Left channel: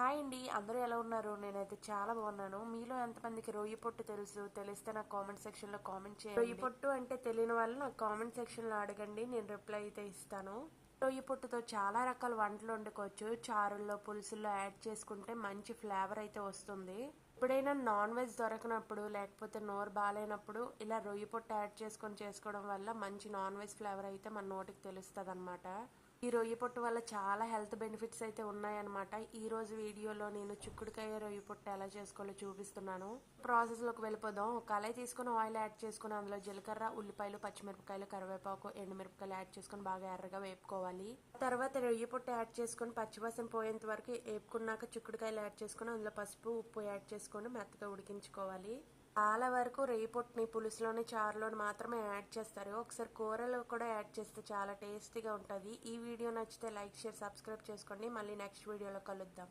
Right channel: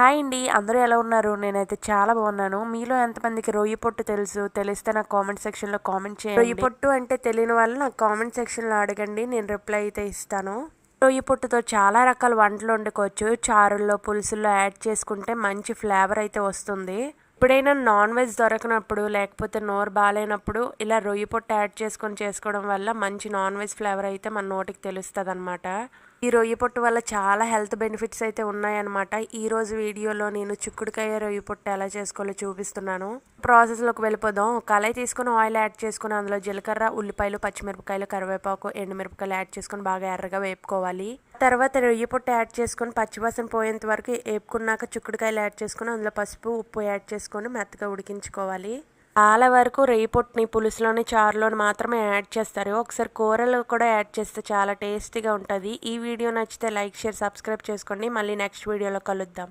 Hi అండి. అందరూ ఎలా ఉన్నారు? నేనైతే చాలా బాగున్నాను. మీలో ఎంతమందికి రొయ్య పొట్టు తెలుసు? తెలిస్తే నాకు కామెంట్ సెక్షన్‌లో కామెంట్ చేయండి. రొయ్య పొట్టు అంటే తెలియని వాళ్ళు నాకు కామెంట్ సెక్షన్‌లో అడగండి. నేను రిప్లై అయితే ఇస్తాను. రొయ్య పొట్టుతో చాలా రకాల వంటలు వండుకోవచ్చు. చారుల్లో, పులుసుల్లో యాడ్ చేసుకుంటే మంచి ఫ్లేవర్ అయితే వస్తుంది. ఎప్పుడైనా నాన్ వెజ్ దొరకనప్పుడు లేకపోతే నోరు బాగాలేనప్పుడు ఇలా రొయ్య పొట్టు యాడ్ చేసుకొని చేసుకోవడం వల్ల మంచి నాన్ వెజ్ ఫ్లేవర్ అయితే మన నోటికి తెలుస్తదనమాట. ఈ రొయ్య పొట్టు వల్ల చాలా హెల్త్ బెనిఫిట్స్ అయితే ఉన్నాయన్నమాట. ఈరోజు వీడియోలో నేను చిక్కుడుకాయ రొయ్య పొట్టు ఎలా చేసుకోవాలో చూపిస్తున్నాను. ప్రాసెస్లోకి వెళ్ళిపోదాం. కళాయి తీసుకొని ఆయిల్ యాడ్ చేసుకుని అందులో జీలకర్ర, ఉల్లిపాయలు, పచ్చిమిరపకాయలు, కరివేపాకు, ఎండుమిరపకాయలు యాడ్ చేసుకొని బాగా ఎర్రగా వేపుకోవాలి. తర్వాత రొయ్య పొట్టు యాడ్ చేసుకొని పచ్చివాసన పోయేంత వరకు వేపుకున్నాక చిక్కుడుకాయలు యాడ్ చేసుకొని అందులో పసుపు, ఉప్పు యాడ్ చేసుకొని మెత్తగా ఉడికించుకోవాలి. చాలా వరకు రొయ్య పొట్టుని పులుసులోని, చారులోని మాత్రమే యాడ్ చేస్తారు. ఒకసారి కూరలో కూడా యాడ్ చేస్తే చాలా టేస్టీగా ఉంటుంది. ఈ వీడియో నచ్చితే లైక్, షేర్, సబ్స్క్రైబ్ చేసుకోండి. మళ్ళీ నెక్స్ట్ వీడియోలో కలుద్దాం.